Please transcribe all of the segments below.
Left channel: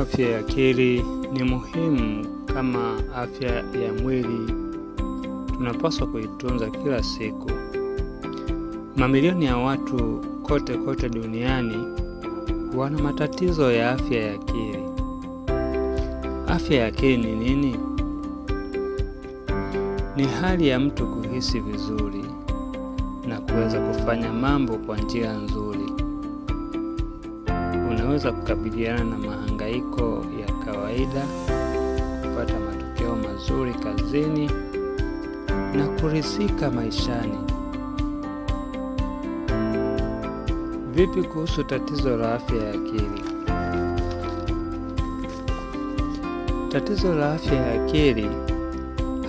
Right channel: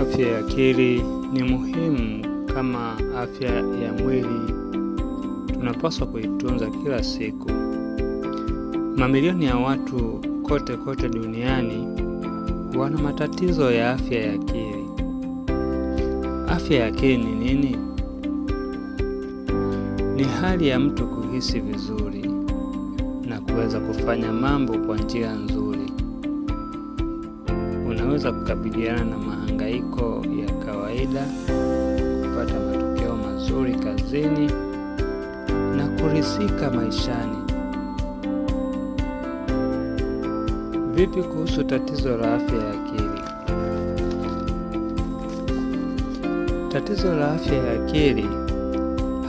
Afya ya akili ni muhimu kama afya ya mwili. Tunapaswa kuitunza kila siku. Mamilioni ya watu kote duniani wana matatizo ya afya ya akili. Afya ya akili ni nini? Ni hali ya mtu kuhisi vizuri na kuweza kufanya mambo kwa njia nzuri. Unaweza kukabiliana na mahangaiko ya kawaida, kupata matokeo mazuri kazini na kuridhika maishani. Vipi kuhusu tatizo la afya ya akili? Tatizo la afya ya akili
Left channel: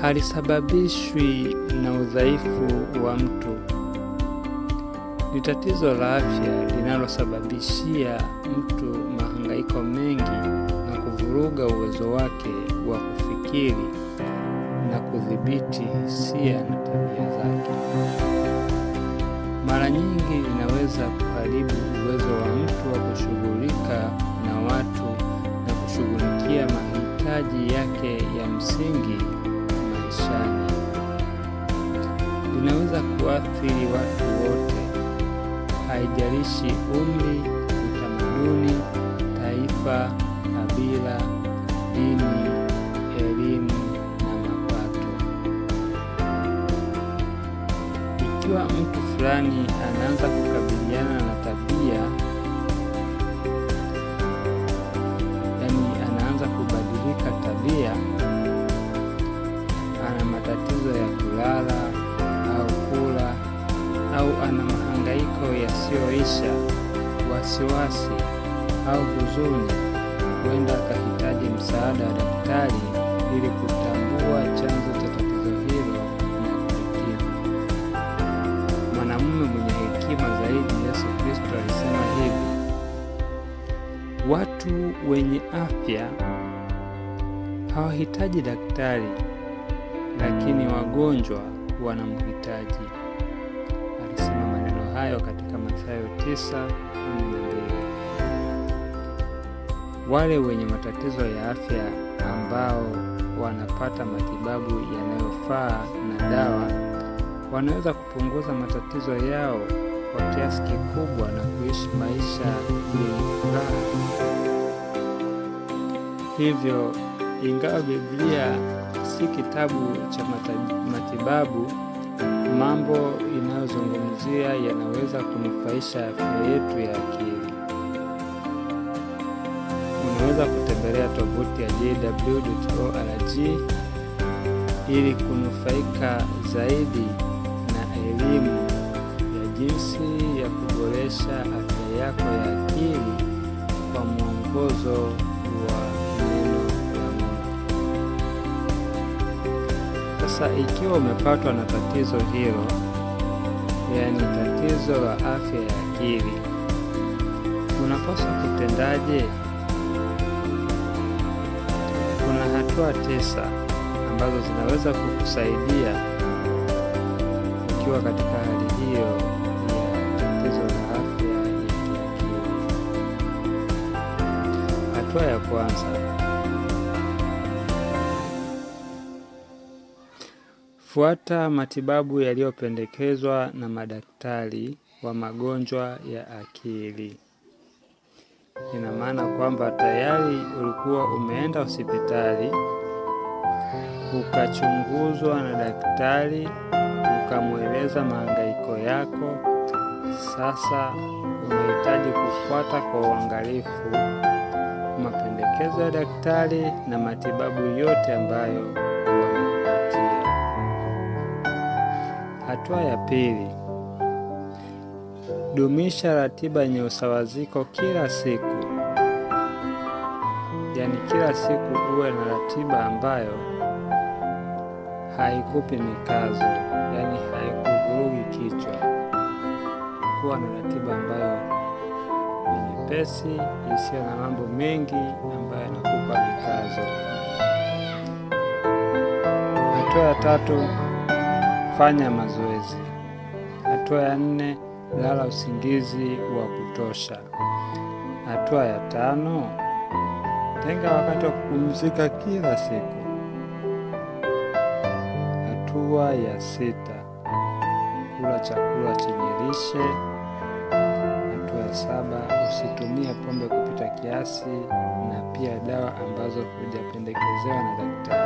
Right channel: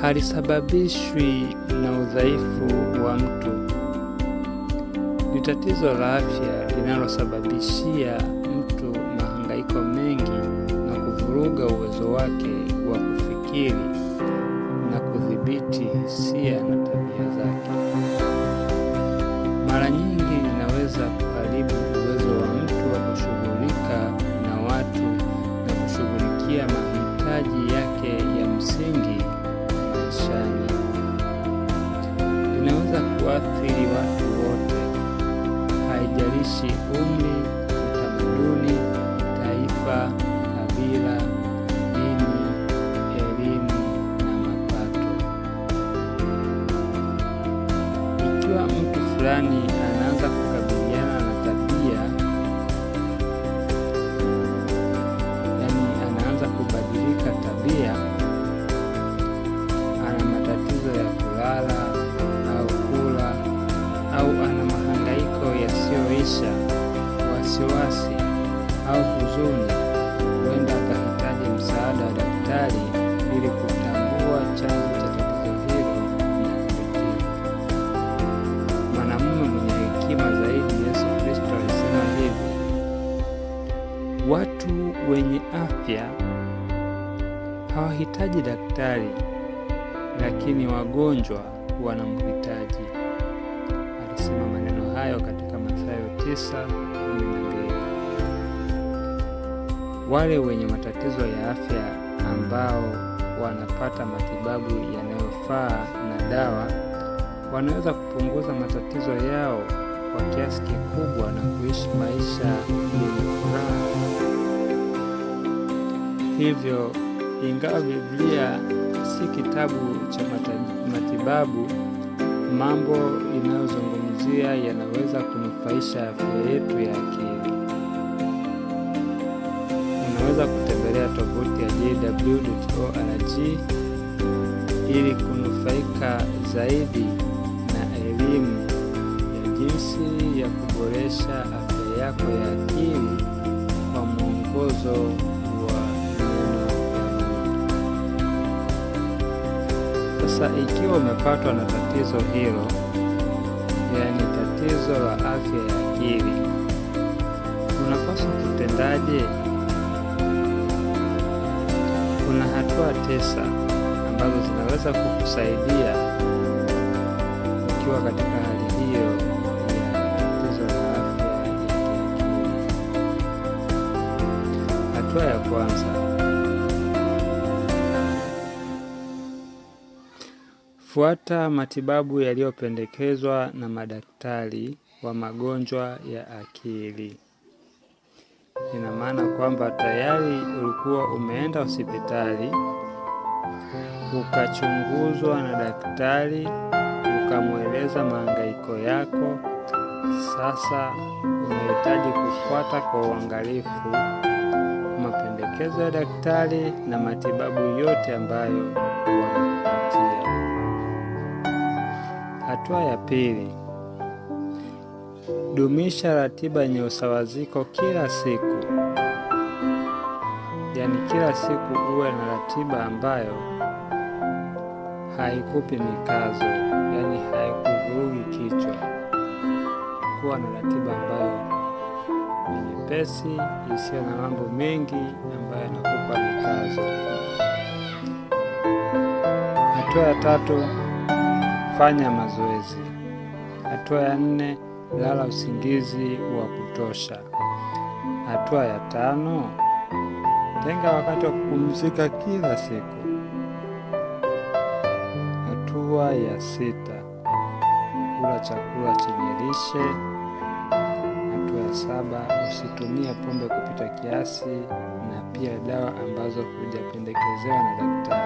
halisababishwi na udhaifu wa mtu. Ni tatizo la afya linalosababishia mtu mahangaiko mengi na kuvuruga uwezo wake wa kufikiri na kudhibiti hisia na tabia zake. Mara nyingi linaweza kuharibu uwezo wa mtu wa kushughulika na watu na kushughulikia mahitaji yake ya msingi maishani. Linaweza kuathiri watu wote, haijalishi umri, utamaduni, taifa, kabila, dini, elimu na mapato. Ikiwa mtu fulani anaanza kukabiliana na tabia, anaanza kubadilika tabia, ana matatizo ya kulala au kula, au ana mahangaiko yasiyoisha, wasiwasi au huzuni, huenda akahitaji msaada wa daktari ili kutambua chanzo cha tatizo hilo na kulitibu. Mwanamume mwenye hekima zaidi, Yesu Kristo, alisema hivi: watu wenye afya hawahitaji daktari, lakini wagonjwa wanamhitaji. Alisema maneno hayo katika Mathayo 9:12. Wale wenye matatizo ya afya ambao wanapata matibabu yanayofaa na dawa wanaweza kupunguza matatizo yao kwa kiasi kikubwa na kuishi maisha yenye furaha. Hivyo, ingawa Biblia si kitabu cha matibabu, mambo inayozungumzia yanaweza kunufaisha afya yetu ya akili. Unaweza kutembelea tovuti ya jw.org ili kunufaika zaidi na elimu ya jinsi ya kuboresha afya yako ya akili kwa mwongozo wa neno la Mungu. Sasa ikiwa umepatwa na tatizo hilo, tatizo la afya ya akili, unapaswa kutendaje? Kuna hatua 9 ambazo zinaweza kukusaidia ukiwa katika hali hiyo ya tatizo la afya ya kiakili. Hatua ya kwanza: fuata matibabu yaliyopendekezwa na madaktari wa magonjwa ya akili. Ina maana kwamba tayari ulikuwa umeenda hospitali, ukachunguzwa na daktari, ukamweleza mahangaiko yako. Sasa unahitaji kufuata kwa uangalifu mapendekezo ya daktari na matibabu yote ambayo wamekupatia. Hatua ya pili: dumisha ratiba yenye usawaziko kila siku. Kila siku uwe na ratiba ambayo haikupi mikazo, haikuvurugi kichwa. Kuwa na ratiba ambayo ni nyepesi, isiyo na mambo mengi ambayo yanakupa mikazo. Hatua ya 3: fanya mazoezi. Hatua ya 4: lala usingizi wa kutosha. Hatua ya 5: Tenga wakati wa kupumzika kila siku. Hatua ya 6: kula chakula chenye lishe. Hatua ya 7: usitumie pombe kupita kiasi na pia dawa ambazo hujapendekezewa na daktari.